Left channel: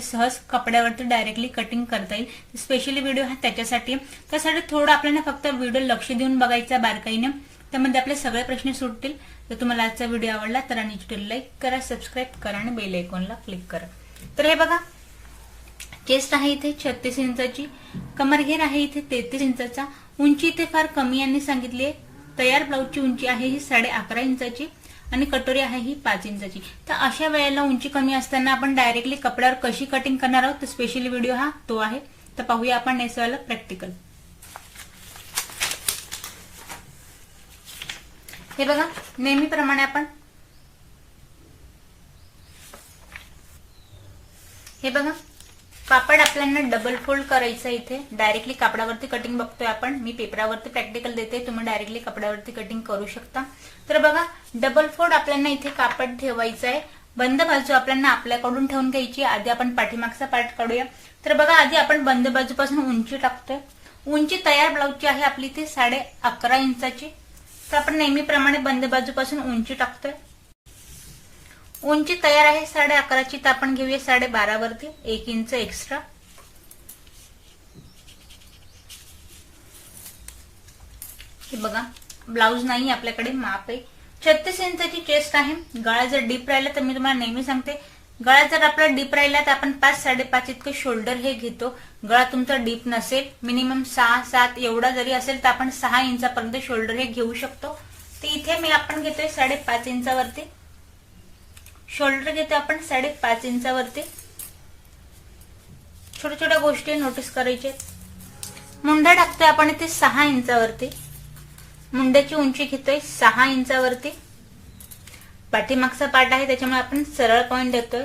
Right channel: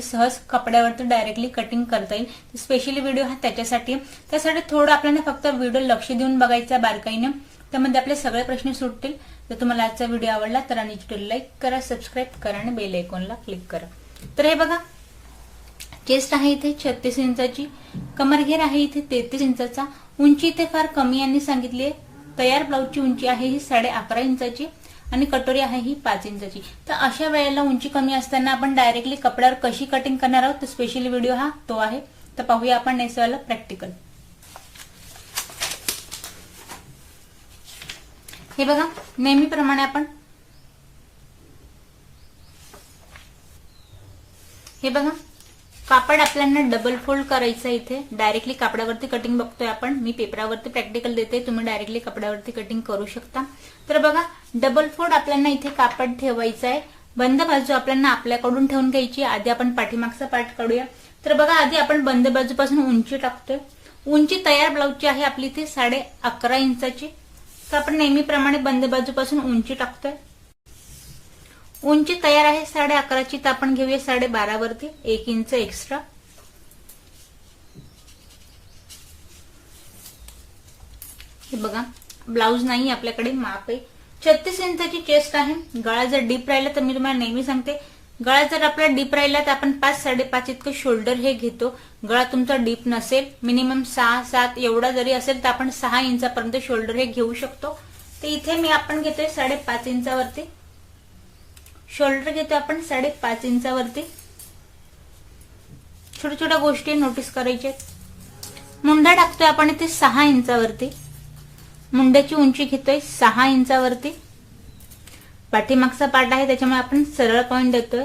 सहज कपड्यावरती directly cutting करता येईल। स्पेशली व्हिडिओ हा त्याच्यासाठी त्यासाठी थोडं आपल्याला फक्त व्हिडिओ लक्ष देऊन बघायचा बारकाईने, त्यामध्ये आपले सगळे प्रश्न सुटतील। जर तुम्हाला आजचा व्हिडिओ आवडला तर आणि लाईक करा, सबस्क्राईब करा आणि बेल आयकॉनला क्लिक करा। तर हे बघा, चेस्ट आहे इथे 36 इंचाची, कमरघेर आहे इथे 33 इंचाचा, उंची इथे फार कमी यांनी सांगितली आहे। तयार ब्लाऊजची उंची आहे ही 11.5 इंचाची आणि कटोरी आहे ही 5 इंचाची। तर अशा वेळेला उंची कमी असताना आपण डायरेक्टली कपड्यावर कशी कटिंग करणार आहोत, तर स्पेशली व्हिडिओ हा तो आहे। तर पाहूया आपण नेसवाला प्रॅक्टिकल। हे बघा, नेहमीप्रमाणे आपण हे बघा, कापड आपल्याला डबल फोल्ड करायचं इथे। डायरेक्टली कापडावरती कटिंग बघतोय आपण, मी पेपरावरती प्रॅक्टिकल देते, तुम्ही डायरेक्टली कपड्यावरती कटिंग करू शकता। तर बघा, डबल फोल्ड आपल्याला इथे कापड ठेवायचं आहे। बंद बाजू आपल्याला आपल्याकडून ठेवून घ्यायची। आधी आपण पाठीमागचा पार्ट काढूया। तर बघा, आधी आपण बंद बाजूपासून उंची टाकतोय। उंची तयार ब्लाऊजची आहे आपली इथे 11.5 इंचाची। तर आपण नेहमीप्रमाणे बंद बाजूपासून उंची टाकतोय। उंची तयार आहे 11.5ची, तर आपण घेऊया 12.5 वरती 1 इंच एक्स्ट्रा। हे बघा, ब्लाऊज नाही आपल्याकडे, माप आहे 36 इंचाची चेस्ट आहे। गळा जर डीप राहिला तर मी तुम्हाला नेहमी सांगते, गळा जर आपला डीप राहिला तर आपण 5-5.5 इतकं शोल्डर हे घेतो। गळा तुमचा डीप नसेल, मिनिमम 6-7 एवढा जरी असेल तर आपण 6 इंचापर्यंत शोल्डर हे घेऊ शकतो। तर इथे मी आपण घेतोय 5.5 इंचावरती शोल्डर घेतो आपण 5.5 इंचावरती। छोट्या छोट्या गोष्टी नोटीस करायच्या। मुंडा टाकतोय आपण इथे 6 इंचावरती, मुंड्याची उंची घेतोय 6 इंचावरती। पाठीमागचा पार्ट आहे त्याच्यामुळे आपण सरळ पॉइंट देतोय।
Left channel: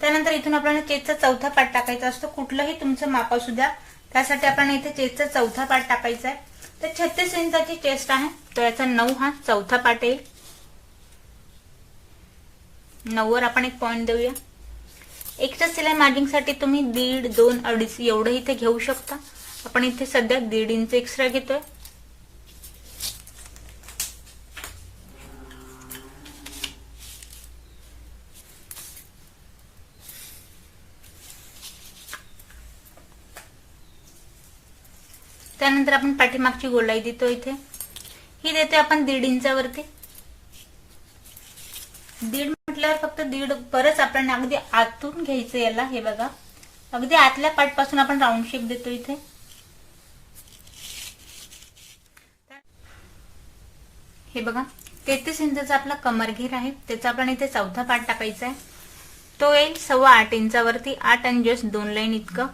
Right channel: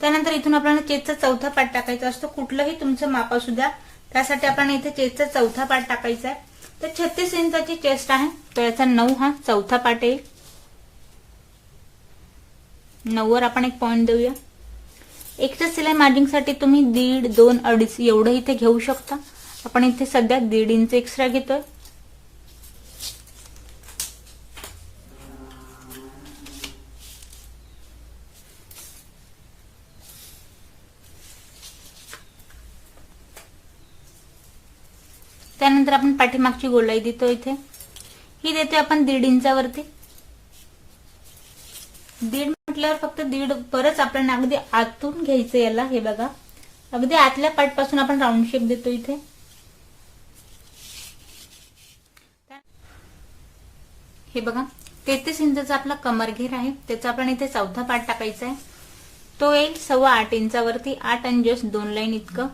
त्यानंतर इथून आपल्याला चेस्टचा चौथा पार्ट टाकायचा असतो। कुठलंही तुमचं माप असू द्या, त्यासाठी आपण इथे चेस्टचा चौथा पार्ट टाकायचा आहे। तर 36 इंचाची चेस्ट आहे, तर याचा 9 हा चौथा पार्ट येईल। 9 वर आपण एक पॉइंट देऊया। एक्स्ट्रा सिलाई मार्जिंगसाठी तुम्ही 1.5, 2, 2.5 एवढं इथे घेऊ शकता। आपण इथे सध्या 1.5 इंच एक्स्ट्रा घेतोय। त्यानंतर आपण पाठीमागची गोलाई देतो इथे, ही देतोय आपण 1.5 इंचावरती। 1.5 म्हटल्यावर फक्त 1.5 परत आपल्याला अगदी आतून घ्यायचं याला। हे बघा, अगदी आतल्या पार्ट पासून आपण राऊंड शेप देतो इथे। हे बघा, 33 इंचाचा आपला कमरघेर आहे, त्याचा आपण इथे चौथा पार्ट टाकायचा आहे। तो येईल 8.25 इंचावरती, 8 आणि जस्ट 2 लाईन इतकं।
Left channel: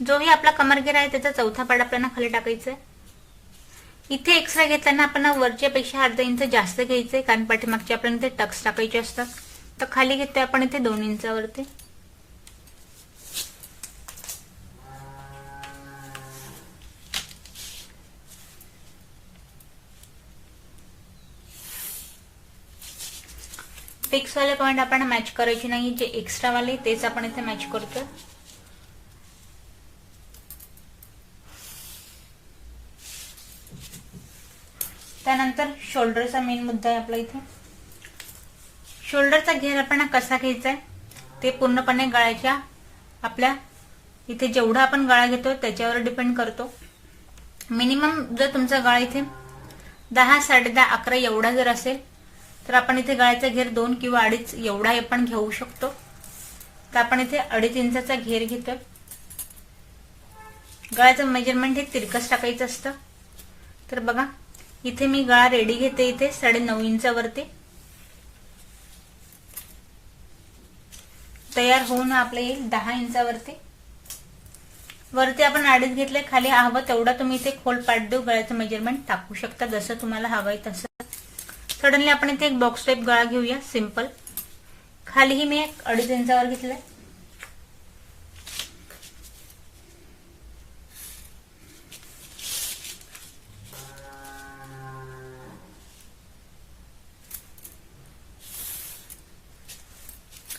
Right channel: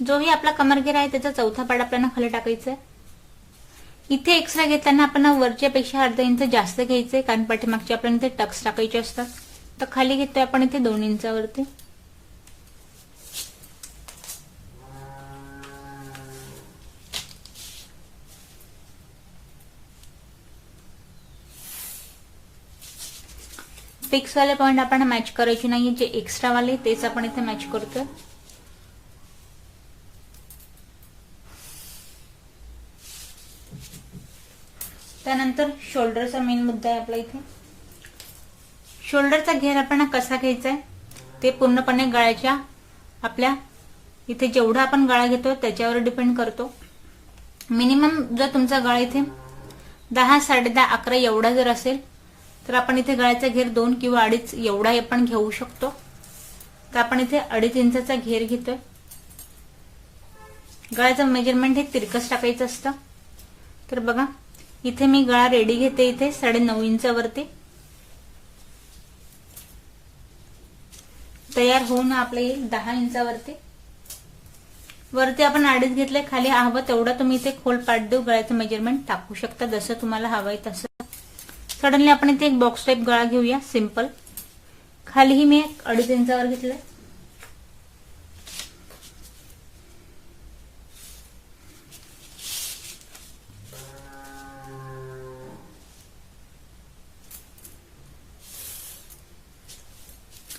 जोही आपला कमरघेर आहे त्याचा चौथा पार्ट आपल्याला खाली टाकायचा आहे। इथे एक्स्ट्रा घेताना आपण वरच्या पेक्षा अर्धा इंच जास्त घ्यायचंय, कारण पाठीमागचे आपल्याला इथे टक्स टाकायचे असतात। तर खाली घेतोय आपण इथे 2 इंचावरती। फिक्स वाले पॉइंट आपण मॅच करायचे नाही, जे एक्स्ट्रा वाले तेच आपण इथे मॅच करतोय। त्यानंतर शोल्डरचा मेन मुद्दा आहे आपला इथे। शोल्डरचा घेर आपण कसा घ्यायचा आहे ते पूर्णपणे गळ्याच्या आपल्या इथे जेवढा आपण गळा घेतो त्याच्यावर डिपेंड करतो। मिनिमम जर तुमचा गळा इथे 10, 10.5, 11 एवढा जर असेल तर आपण इथे गळ्याचा घेर 2 किंवा 2.5 एवढा आपण घेऊ शकतो। तर आपण इथे 2.5 इंचाचा घेर घेतोय। गळ्याचं मेजरमेंट हे तिरकस टाकायचं असतं। तर बघा, इथे मी गळा रेडी घेते इथे 9.5 इंचावरती। तयार होऊन आपले येईल 10 इंचावरती। वरती आपण 2.5 घेतले, खाली हवं तेवढा तुम्ही इथे खोल पार्ट देऊ गळ्याचं मेजरमेंट टाकू शकता, जसं तुम्हाला हवंय तसं। सडनली आपण इथे एक बॉक्स टाईप गळा घेऊया सिंपल। खालीही मी 2.5 इंचावर घेतलंय।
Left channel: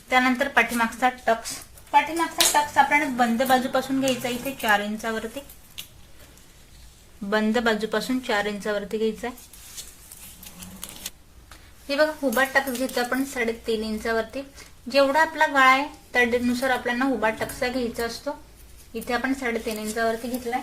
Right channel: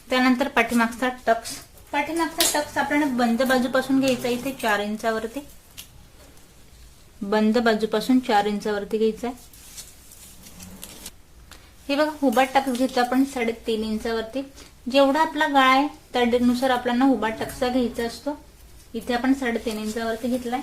त्यानंतर पाठीमागचा टक्स पाठीमागचा टक्स आपल्याला बंद बाजूपासून घ्यायचा इथे 4 इंचावरती, बंद बाजूपासून 4 इंचावरती घ्यायचा. हे बघा उभा टक्स घेतो आपण 3.5 इंचावरती. जेवढा आपला गळा आहे त्यानुसार आपल्याला उभा टक्सा घ्यायचा असतो. इथे आपण 3.5 इंचावरती घेतलाय.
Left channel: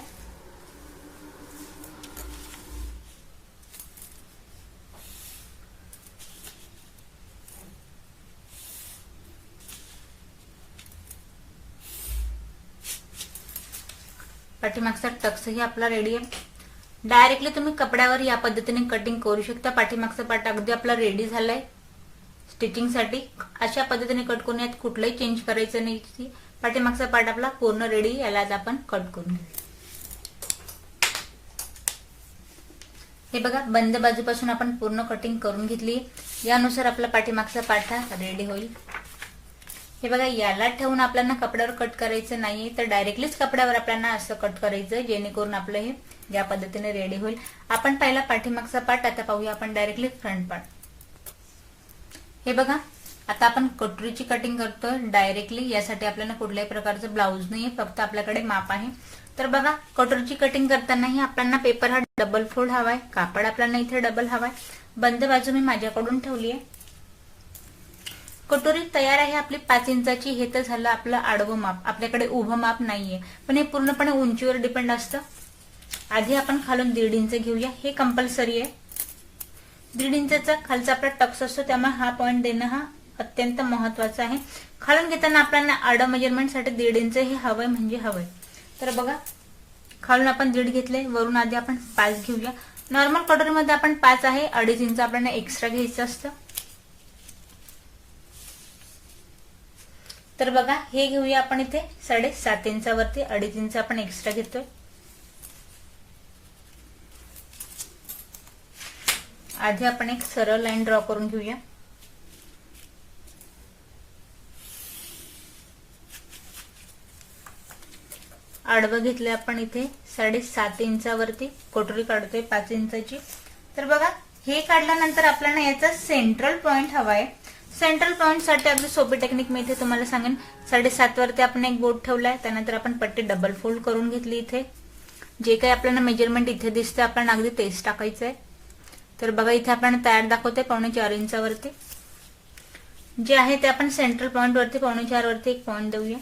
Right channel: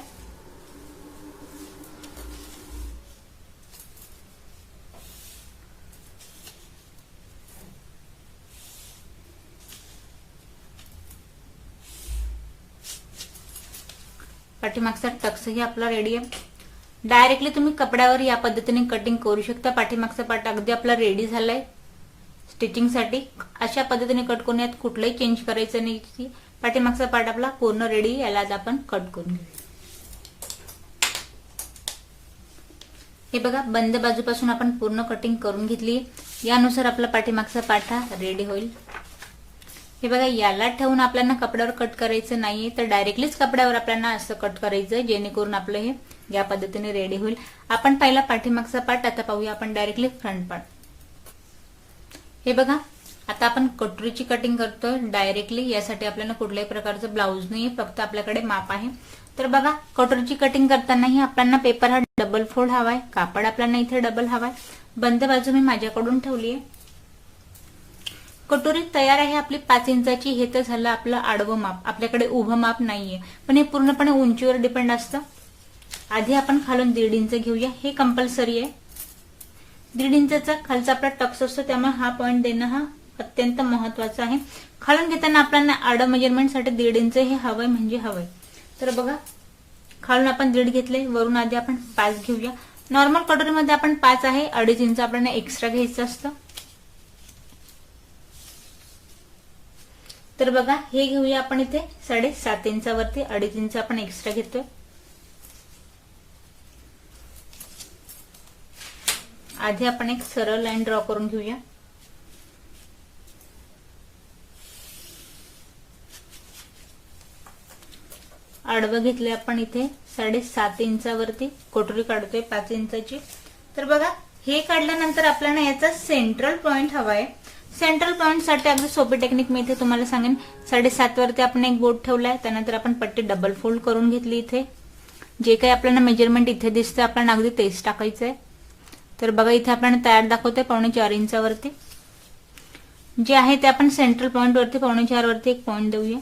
पाठीमागचा टक्सही आपला रेडी आहे. डायरेक्टली तुम्ही कपड्यावर या पद्धतीने कटिंग करू शकता. पाठीमागचा पार्ट अगदी आपला रेडी झालाय स्टिचिंगसाठी. अशा पद्धतीने कट करून यात कुठलंही चेंज करायचं नाही. पाठीमागचा पार्ट आपला पूर्ण रेडी. याला आता आपण कट करून घेऊ. हे बघा बंद बाजूपासून आपण पूर्ण कटिंग करून घेतली. यानुसार आपला पाठीमागचा पार्ट हा रेडी होईल. हे बघा याला ठेवून आपल्याला कपड्यावर कट करायचं नाहीये, तर डायरेक्टलीच कपड्यावर आपल्याला असं कट करायचं जेणेकरून आपलं हे या पद्धतीने रेडी होईल. आपण पहिला पाठीमागचा पार्ट, आता पाहूया आपण डायरेक्टली फ्रंट पार्ट. हे बघा आता आपण कटोरीची कटिंग करतोय डायरेक्टली. यासाठी आपल्याला कुठल्याही प्रकारचं ब्लाऊज नाही, फक्त आपल्याकडे माप आहे. तर बघा कटोरीची कटिंग करतानाही आपल्याला पेपर हा डबल फोल्ड हवाय, कापड आपल्याला इथे डबल हवाय. बंद बाजू मी माझ्याकडून ठेवली आहे. कटोरी तयार आहे आपली 5 इंचाची. हे तर झालं आपलं आडवं माप. आपल्याकडे उभं माप नाहीये, पण हे पूर्णपणे उंचीवर डिपेंड असतं. आधी आपण खालून 1.5 इंच घेऊया. हे कंपल्सरी आहे. 1.5 इंचाचा खालचा आपला टक्स असतो, त्यामुळे हा पॉइंट देणं हा अत्यंत महत्वाचा आहे. खालून घेताना आपल्याला आडं मेजरमेंटसाठी 1.5 इंच हे हवंय म्हणजे हवंय. तर बघा खालून आपण 1.5 घेतलंय, वरून आधी आपण 5 घेऊया. नॉर्मल कटोरीमध्ये आपण 5 आहे, 2.5 इंच आपल्याला एक्स्ट्रा घ्यायचं असतं. तर बघा हे घेऊया आपण इथे 7.5 इंचावरती 2.5 इंच आपण एक्स्ट्रा घेतोय. आधी आपण एक सरळ लाईन ड्रॉ करून घेऊया. आडवं घेतले आपण इथे 7.5 इंचावरती. कटोरी काढतोय 5 इंचाची. तर बघा हे काढल्यानंतर आपल्याला याचा सेंट्रल पॉइंट हवाय. सेंट्रल पॉइंट साठी अगदी सोपी टेक्निक मी इथे तुम्हाला सांगेन. 7.5 वरती आपण एक बोट ठेवलाय, त्यानंतर आपण पट्टी डबल फोल्ड करून घेतली. इथे जे काही आपल्याला मेजरमेंट इथे दिसते आपल्याला अगदी तेच टाकायचंय. तर बघा इथे आपण तयार दाखवतोय 4.25 इंचावरती. जे आहे ते आपण सेंट्रल पॉइंट वरती 4.25 वरती एक पॉइंट देऊया.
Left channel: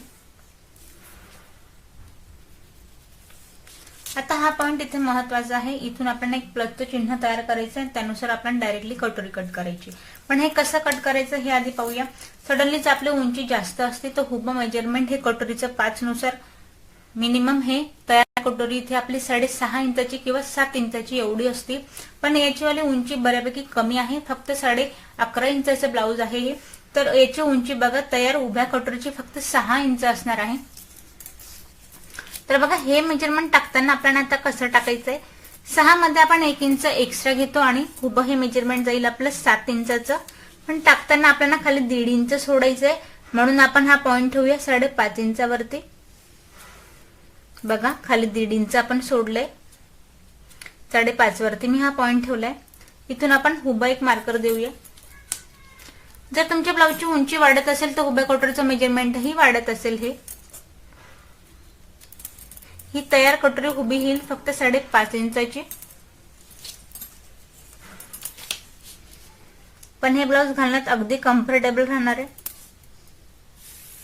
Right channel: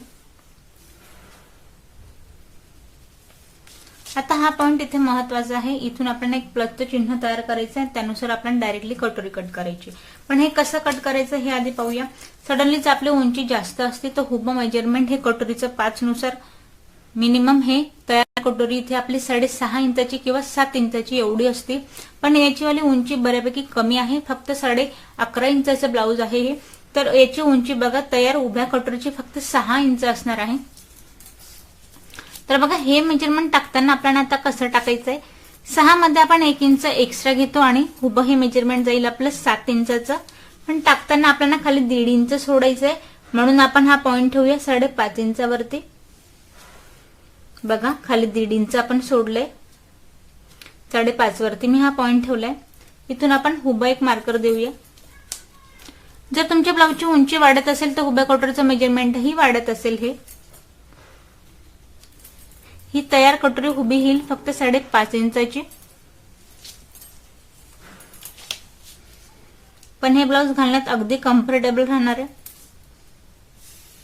आता हा पॉइंट इथे महत्वाचा आहे. इथून आपल्याला एक प्लसचं चिन्ह तयार करायचं आहे, त्यानुसार आपण डायरेक्टली कटोरी कट करायची. पण हे कसं कट करायचं हे आधी पाहूया. सडनलीच आपली उंची जास्त असते, तर हुबं मेजरमेंट हे कटोरीचं 5 नुसार मिनिमम हे तयार कटोरी इथे आपली 6.5 इंचाची किंवा 7 इंचाची एवढी असते. पण याची वाली उंची बऱ्यापैकी कमी आहे, फक्त 11.5 इंचाचं ब्लाऊज आहे हे. तर याची उंची बघा तयार उभ्या कटोरीची फक्त 6 इंच असणार आहे. तर बघा हे मेजरमेंट टाकताना आपल्याला आता कसं टाकायचंय. 6 मध्ये आपण 1 इंच एक्स्ट्रा घेतो आणि उभं हे मेजरमेंट जाईल आपलं 7 इंचाचं. पण टाकताना आपल्याला खाली 1.5 इंच सोडायचंय, म्हणून आपण हा पॉइंट ठेवूया 5.5 इंचावरती. बघा खाली 1.5 इंच आपण सोडलंय, 5.5 वरती मी हा पॉइंट ठेवलाय. इथून आपण उभं एक मार्कर देऊया. जर तुमच्या ब्लाऊजची उंची वाढत असेल तर उभ्या कटोरीचं मेजरमेंटही वाढत असेल. ही तयार कटोरी उभी येईल फक्त 5.5 इंचाची. पण हे ब्लाऊज घालण्यात अगदी कम्फर्टेबल राहणार आहे.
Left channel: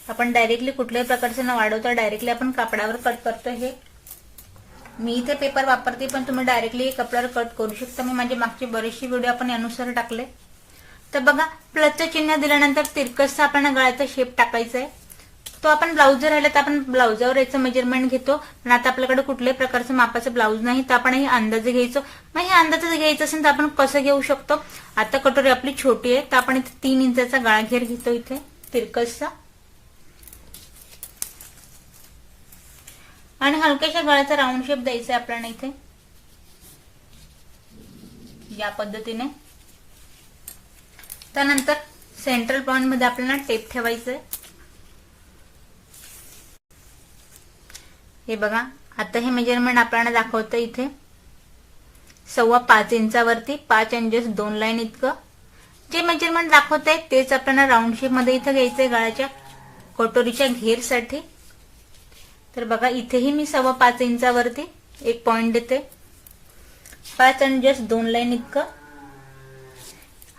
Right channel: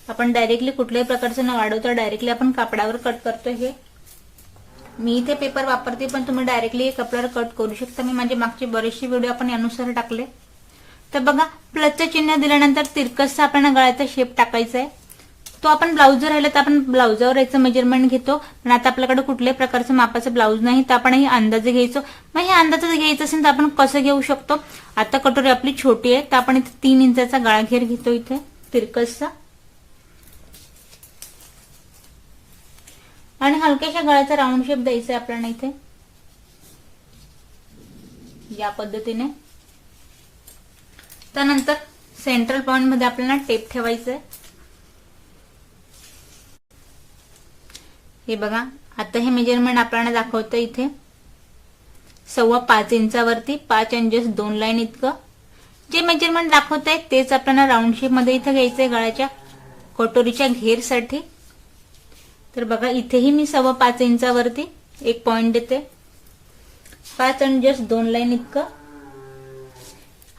आपण डायरेक्टली कुठल्याही प्रकारचं न वाढवता डायरेक्टली आपण कापडावर कट करतो. हे मी इथे पेपर वापरते, पण तुम्ही डायरेक्टली कपड्यावर कट करू शकता. मी माझे मागचे बरेचसे व्हिडिओ आपण यानुसार टाकले. तर बघा प्लसचं चिन्ह दिल्यानंतर तिरकसचा आपल्याला गळ्याचा शेप टाकायचा आहे. तो आपण ब्लाऊज राहिले तर आपण ब्लाऊजावर याचं मेजरमेंट घेतो. पण आता आपल्याकडे कुठल्याही प्रकारचं मापाचं ब्लाऊज नाही, तर आपण हे अंदाजे घ्यायचो. मग हे अंदाजे घ्यायचं असेल तर आपण कसं घेऊ शकतो. आता कटोरी आपली छोटी आहे, तर आपण इथे 3 इंचाचा गळा घेर घेतो इथे तिरकसचा. आणि हलक्याशा गळ्याचा राऊंड शेप द्यायचा आहे आपल्याला इथे या पद्धतीने. त्यानंतर सेंट्रल पॉइंट मध्ये आपल्याला टेप ठेवायचं आहे. हे बघा आता हे मेजरमेंट आपल्याला दाखवतं इथे 5.25 इंचावरती 5 आणि जस्ट 2 लाईन इतकं जे मेजरमेंट दाखवत आहे तेच आपल्याला राऊंड शेप मध्ये इथं घ्यायचंय गळ्याच्या. कटोरीच्या घेरसाठी तर बघा इथेही मी 5.25 इंचावरती एक पॉइंट देते. 5 आणि जस्ट 2 लाईन इतकं.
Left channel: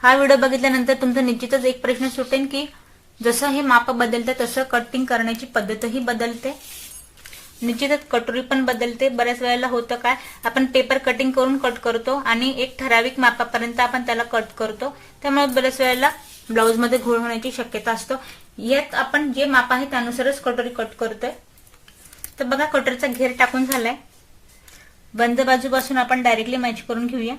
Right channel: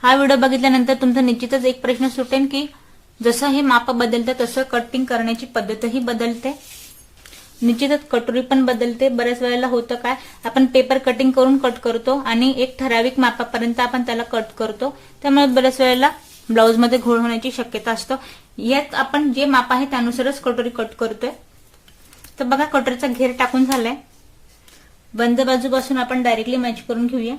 हा व्हिडिओ बघितल्यानंतर तुमचा निश्चितच एक प्रश्न सुटेल की जसं हे माप बदलतं तसं कटिंग करण्याची पद्धतही बदलते. निश्चितच कटोरी पण बदलते. बऱ्याच वेळेला होतं काय, आपण पेपर कटिंग करून कट करतो आणि एक ठराविक मापापर्यंत आपण त्याला कट करतो, त्यामुळे बऱ्याच वेळेला ब्लाऊज मध्ये घोळ होण्याची शक्यता असतो. यात आपण जे माप आहे त्यानुसारच कटोरी कट करतोय. तर बघा कटोरीचा घेर टाकून झालाय. बंद बाजूपासून आपण डायरेक्टली मॅच करून घेऊया.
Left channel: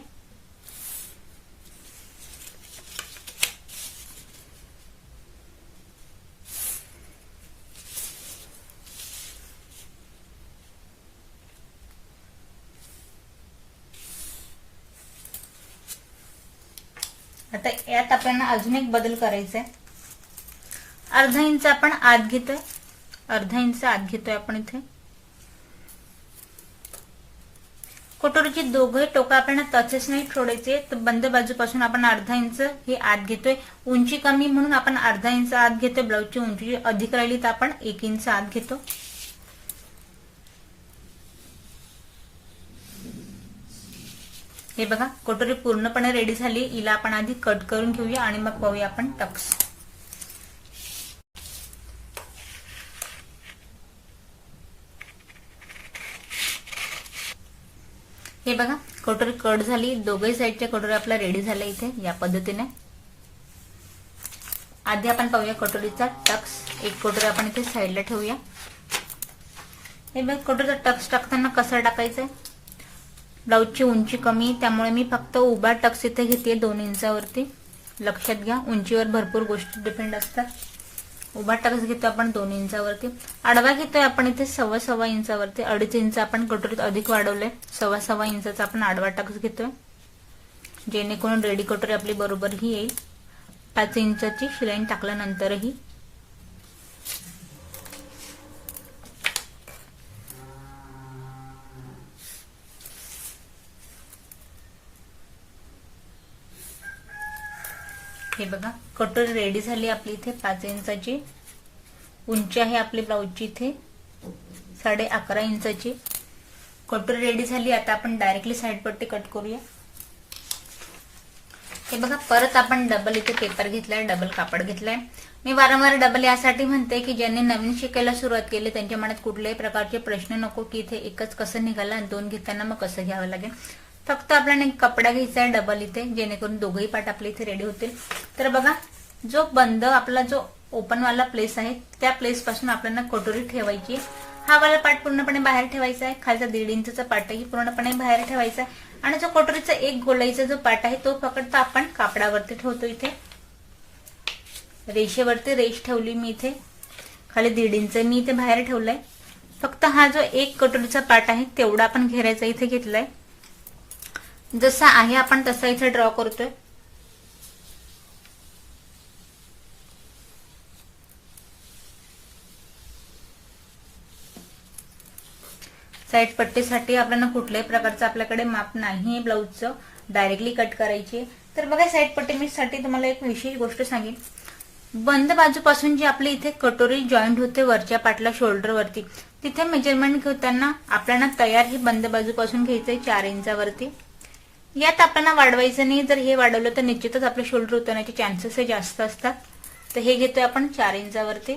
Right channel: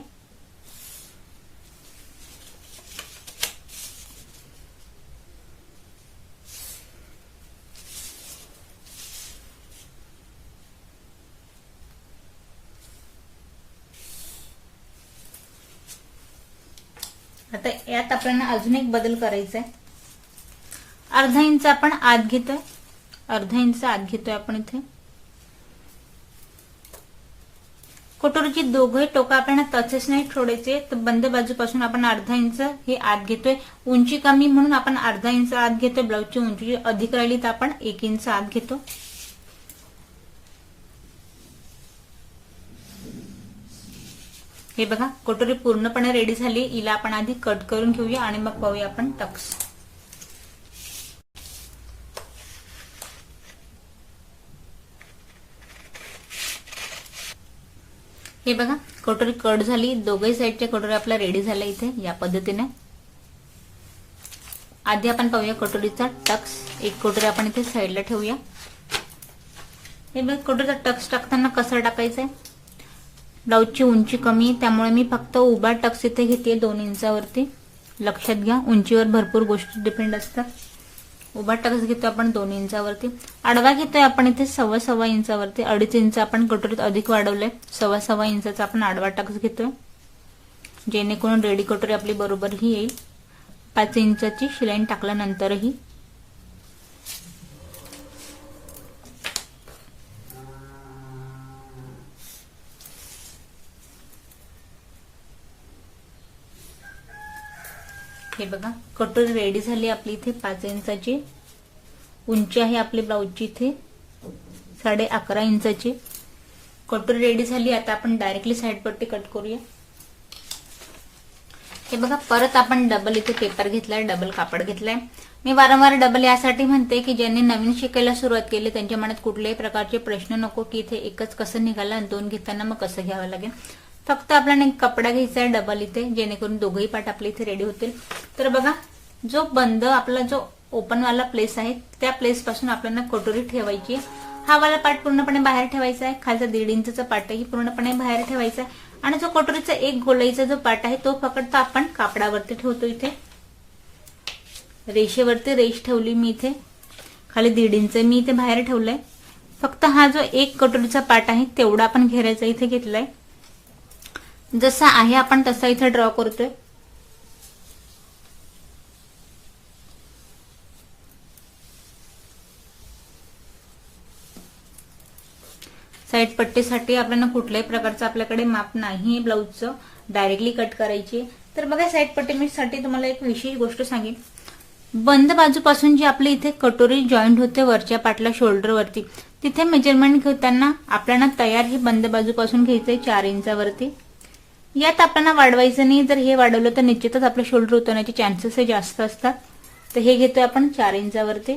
आता यात आपल्याला अजून एक बदल करायचा आहे. अर्धा इंच आपण आत घेतोय. अर्धा इंच आत घेतोय आपण इथे. कटोरीची दोघे टोकं आपल्याला तसेच नाही ठेवायचे. तर बंद बाजूपासून आपण अर्धा इंच हे आत घेतोय. उंची कमी म्हणून आपण अर्धा इंच आत घेतोय. ब्लाऊजची उंची अधिक राहिली तर आपण 1 इंच आत घेतो. हे बघा कटोरी पूर्णपणे रेडी झाली. हिला आपण आधी कट करून घेऊया आणि मग पाहूया आपण टक्स. हे बघा कटोरी कट झाली. दोघही साईडच्या कटोरी आपल्या रेडी झाल्या इथे या पद्धतीने. आधी आपण पाहूया कटोरीचा टक्स. एक कटोरी आपण इथे साईडला ठेवूया. हे बघा कटोरीचा टक्स टाकताना कसं टाकायचं आहे. ब्लाऊजची उंची कमी त्यामुळे मी फक्त उभा टक्स इथे घेते 2 इंचावरती. लक्षात घ्या उंचीवर भरपूर गोष्टी डिपेंड असतात. उभा टक्स घेतो आपण 2 इंचावरती. आडवा घेतोय आपण इथे 1.25 इंचावरती. 2.5 इंच आपण कटोरीत अधिक वाढवलंय. 1.25 इंचाचा आपण आडवा टक्स घेतोय जेणेकरून रेडी कटोरी आपली बरोबर ही येईल. 5 इंचाची शिलाई टाकल्यानंतरही. हे बघा कटोरी रेडी झाली आपली. इथे 5 इंचाची उंची आहे आपली ब्लाऊजची. इथे 11.5 इंचाची कटोरी रेडी झाली. आता आपण डायरेक्टली साईड पट्टी कट करूया. हे बघा परत आपण डबल इथे पेपर घेतलाय, डबल कापड घेतलाय. मी वारंवार डबल यासाठी म्हणते की ज्यांनी नवीन शिकायला सुरुवात केली त्यांच्या मनात कुठल्याही प्रकारचे प्रश्न नको की इथे एकच कसं निघालं आणि 2 घेताना मग कसं घ्यावं लागेल. फक्त आपल्याला एक कपडा घ्यायचा आहे डबल इथे जेणेकरून दोघही पार्ट आपले इथे रेडी होतील. तर बघा जो बंद आपला जो ओपन वाला प्लेस आहे त्या प्लेस पासून आपल्याला कटोरी ठेवायची. हा वाला पार्ट पूर्णपणे बाहेर ठेवायचा आहे. खालचा 1.5 इंचचा पार्टही पूर्णपणे बाहेर ठेवायचा आहे. आणि जो कटोरीचा एक गोलाईचा जो पार्ट आहे तो फक्त आपण कापडावरती ठेवतो. इथे रेषेवरती रेष ठेवली मी इथे. खाली 1.5 इंच मी इथे बाहेर ठेवलंय. फक्त हा जो एक कटोरीचा पार्ट आहे तेवढा आपण घेरायचा इथे घेतलाय. जसा आहे आपण तसा इथे ड्रॉ करतोय. साईड पट्टीसाठी आपल्याला कुठल्याही प्रकारचं आपल्याकडे माप नाही ब्लाऊजचं. डायरेक्टली कट करायची. तर बघा साईड पट्टीसाठी तुम्हाला एक विशेष गोष्ट सांगेन. बंद बाजूपासून जी आपली इथे कटोरी जॉईंट होते वरच्या पाटला शोल्डरवरती तिथे मेजरमेंट घेताना आपल्याला तयार ही बंद बाजूपासून घ्यायचंय 4 इंचावरती. यात आपल्याला वाढवायचं नाही. जर हे वाढवलं तर निश्चितच आपले शोल्डर उतरण्याचे चान्सेस जास्त असतात. तर हे घेतोय आपण 4 इंचावरती.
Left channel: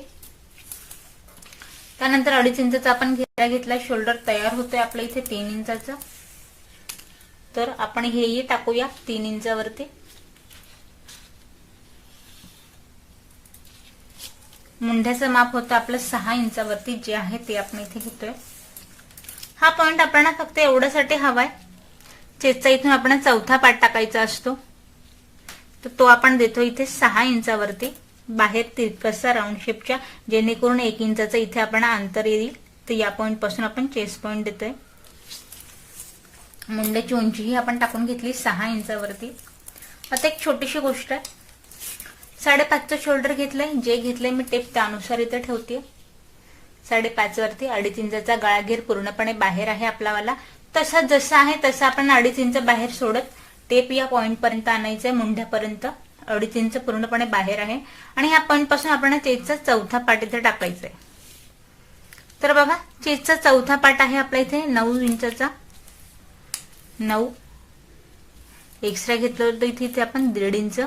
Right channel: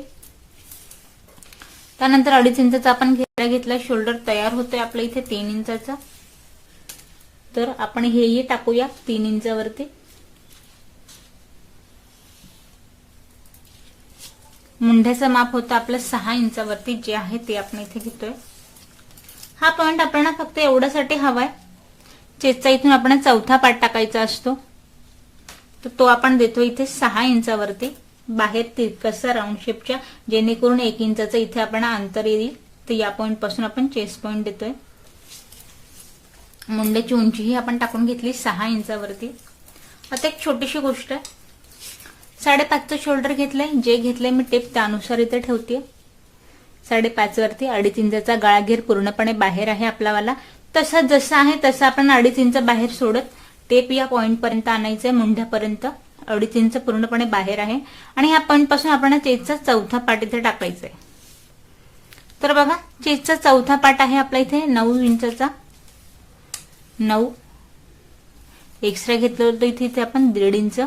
त्यानंतर 2.5 इंचाचा आपण घेरा घेतला. शोल्डर तयार होतोय आपल्या इथे 3 इंचाचा. तर आपण हेही टाकूया 3 इंचावरती. मुंढ्याचं माप होतं आपलं 6 इंचावरती जे आहे ते आपण इथे घेतोय. हा पॉइंट आपल्याला फक्त एवढ्यासाठी हवाय. चेस्टचा इथून आपण चौथा पार्ट टाकायचा असतो तर तो आपण देतो इथे 6 इंचावरती. बाहेर तिरकसा राऊंड शेपच्या जेणेकरून 1 इंचाचं इथे आपण अंतर येईल. तर या पॉइंट पासून आपण चेस्ट पॉइंट देतोय. मुंड्याची उंचीही आपण टाकून घेतली 6 इंचावरती. आता एक छोटीशी गोष्ट आहे. 5.5चं शोल्डर घेतलंय. जे घेतलंय मी टेप त्यानुसार इथे ठेवते. 5.5 वरती 2.5 इंचाचा गळाघेर पूर्णपणे बाहेर आहे आपलावाला. तसा जसा आहे तसा आपण 2.5 इंच बाहेर सोडत टेप या पॉइंट पर्यंत आणायचंय मुंढ्यापर्यंत. 2.5 इंच पूर्णपणे बाहेर आहे आणि ह्या पॉइंट पासून आपण चेस्टचा चौथा पार्ट इथे टाकायचा आहे. तर बघा चेस्टचा चौथा पार्ट आहे आपला इथे 9 इंचचा. 9 एक्स्ट्रा घेतलं होतं इथे आपण 1.5 इंच.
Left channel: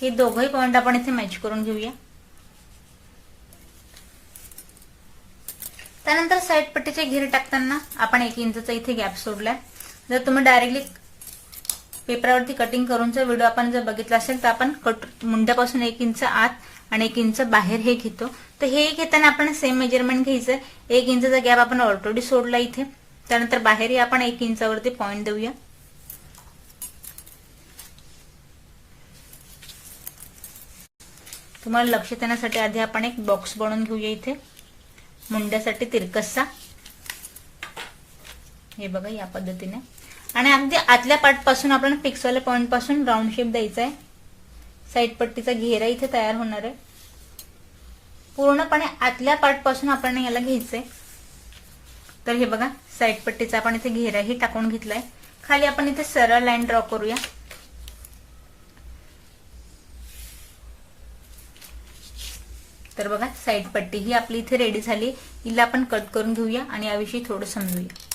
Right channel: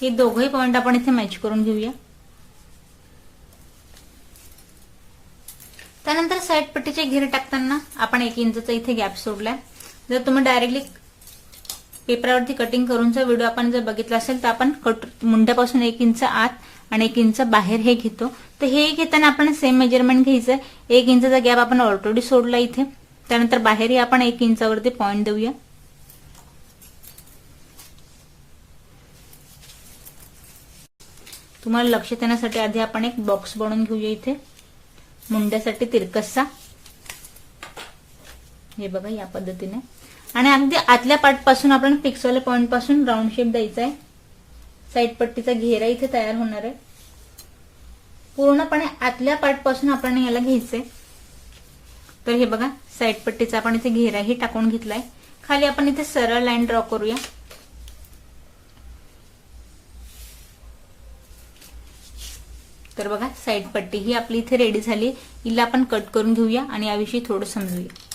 हे दोघंही पॉइंट आपण इथे मॅच करून घेऊया. त्यानंतर साईड पट्टीचे घेर टाकताना आपण 1 इंचचा इथे गॅप सोडलाय. जर तुम्ही डायरेक्टली पेपरावरती कटिंग करूनचा व्हिडिओ आपण जर बघितला असेल तर आपण मुंड्यापासून 1 इंच आत आणि 1 इंच बाहेर हे घेतो. तर हे घेताना आपण सेम मेजरमेंट घ्यायचं. 1 इंचचा गॅप आपण ऑलरेडी सोडला इथे. त्यानंतर बाहेरही आपण 1 इंचावरती पॉइंट देऊया. तुम्हाला लक्ष देण्यासाठी आधी आपण एक बॉक्स बनवून घेऊया इथे मुंड्यासाठी तिरकसचा. हे बघा या पद्धतीने. आणि अगदी आतल्या पार्ट पासून आपण फिक्सवाल्या पॉइंट पासून राऊंड शेप द्यायचा आहे. साईड पट्टीचा घेरा इथे तयार होणार आहे. पूर्णपणे आतल्या पार्ट पासून आपण याला घ्यायचंय. तर हे बघा साईड पट्टीचा आपण इथे घेराही टाकून घेतलाय. खाली आपण इथे सरळ लाईन ड्रॉ करूया. तर बघा साईड पट्टी ही आपली इथे रेडी झाली. हिला आपण कट करून घेऊया आणि याविषयी थोडं समजूया.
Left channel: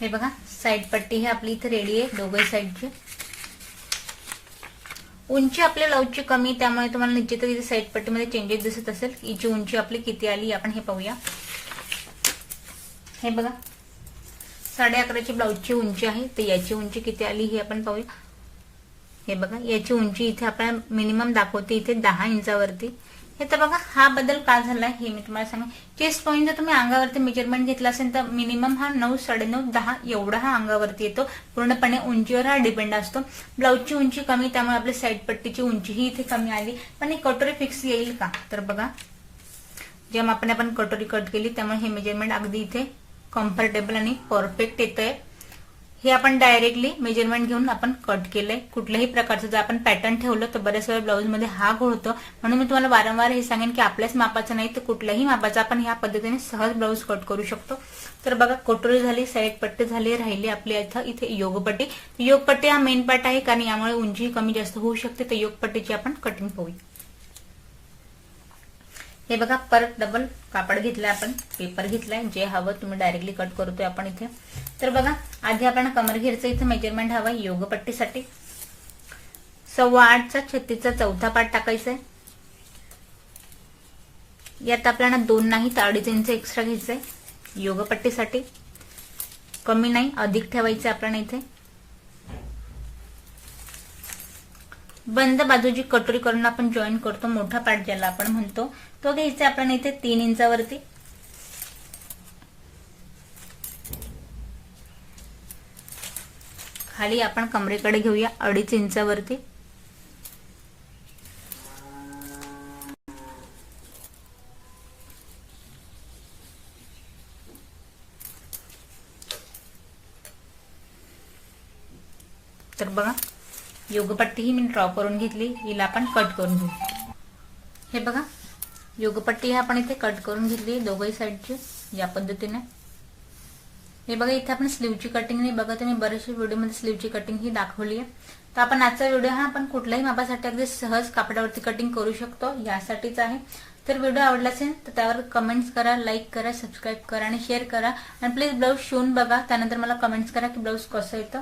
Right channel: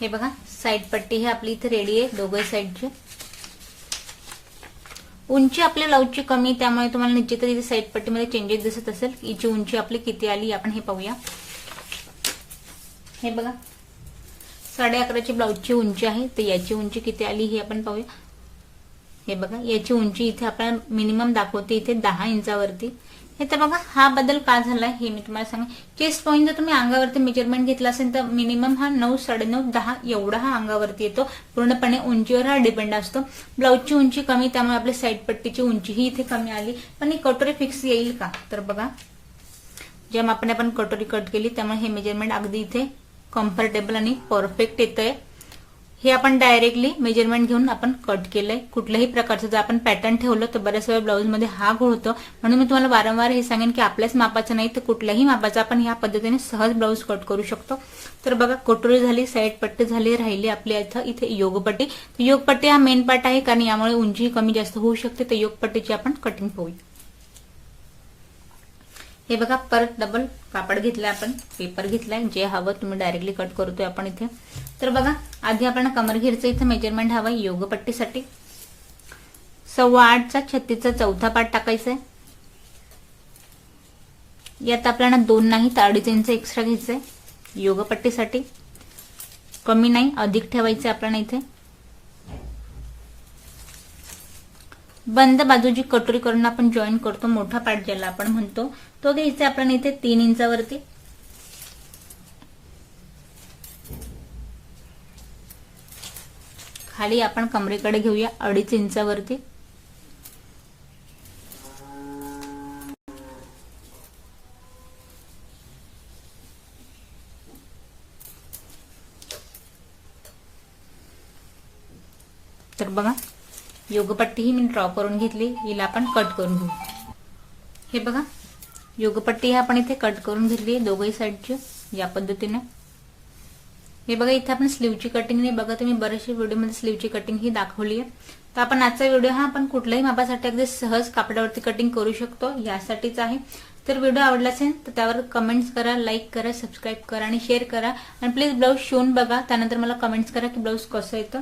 हे बघा साईड पट्टी ही आपली इथे रेडी आहे दोघे साईडची. उंची आपल्या ब्लाऊजची कमी त्यामुळे तुम्हाला निश्चितच इथे साईड पट्टीमध्ये चेंजेस दिसत असेल. हिची उंची आपली किती आली आपण हे पाहूया. हे बघा 11.5 ब्लाऊजची उंची आहे. तर याची उंची किती आली हे आपण पाहूया. हे बघा याची उंची इथे आपल्याला मिनिमम दाखवते इथे 10 इंचावरती. हे तर बघा हा बदल का झालाय हे मी तुम्हाला सांगा. चेस्ट पॉईंट जर तुम्ही अंगावरती मेजरमेंट घेतला असेल तर मिनिमम हा 9, 9.5, 10 एवढा हा अंगावरती येतो. पूर्णपणे उंचीवर हा डिपेंड असतो. ब्लाऊजची उंची कमी त्यामुळे आपली साईड पट्टीची उंची ही इथे कमी आली. पण ही कटोरी फिक्स येईल का. तर बघा ज्या मापाने आपण कटोरी कट केली त्यामुळे हे मेजरमेंट अगदी इथे कम्फर्टेबल आणि परफेक्ट येतंय. हे आपण डायरेक्टली मेजरमेंट घेऊन आपण कट केलंय. कुठल्याही प्रकारचं जर आपण पॅटर्न ठेवलं तर बऱ्याच वेळा ब्लाऊज मध्ये हा घोळ होतो. म्हणून मी तुम्हाला वारंवार हे सांगेन की आपल्याच मापाचं नाही तर कुठल्याही मापाचं आपण ह्या पद्धतीने सहज ब्लाऊज कट करू शकतो. तर बघा कटोरी झाली, साईड पट्टी झाली, राहिली आपली इथे योगपट्टी. योगपट्टी हा मेन पार्ट आहे कारण यामुळे उंची कमी जास्त होऊ शकते. तर योगपट्टीची आपण कटिंग पाहूया. हे बघा परत डबल कापड घेतलाय आपण, पेपर घेतलाय. जे हवं तुम्ही डायरेक्टली कट करतोय आपण इथे. तर बघा आधी आपल्याला कमर घेरचं इथे मेजरमेंट हवं योगपट्टीसाठी. 8.25चा 36चा चौथा पार्ट टाकायचा आहे. यात आपल्याला 2 नाही तर 2.5 इंच एक्स्ट्रा घ्यायचंय योगपट्टीसाठी. कमी नाही अधिक ठेवायचं आपल्याला इथे. बंद बाजूची कटोरी करून आपण जॉईन करतो मोठा पार्ट ज्याला आपण म्हणतो तो घ्यायचा आपल्याला इथे 3 इंचावरती. खाली आपण कमरेकडे घेऊया 2.5 इंचावरती. तर बघा योगपट्टी ही मी ड्रॉ करून घेतली. हिला आपण कट करून घेऊ. हे बघा योगपट्टी ही आपण इथे कट करून घेतली दोघही साईडची या पद्धतीने. हे बघा इथे आपण स्लीवची कटिंग नाही बघा तुम्ही बरेचसे व्हिडिओमध्ये स्लीवची कटिंग ही दाखवली आहे. तर आपण आजचा व्हिडिओ हा आपण कुठल्याही मापासाठी अगदी सहज कापडावरती कटिंग करू शकतो यासाठीच आहे. तर व्हिडिओ आवडला असेल तर त्यावर कमेंट्स करा, लाईक करा, सबस्क्राईब करा आणि शेअर करा. आणि प्लीज ब्लाऊज शिवून बघा. त्यानंतर मला कमेंट्स करा की ब्लाऊज कसं येतं.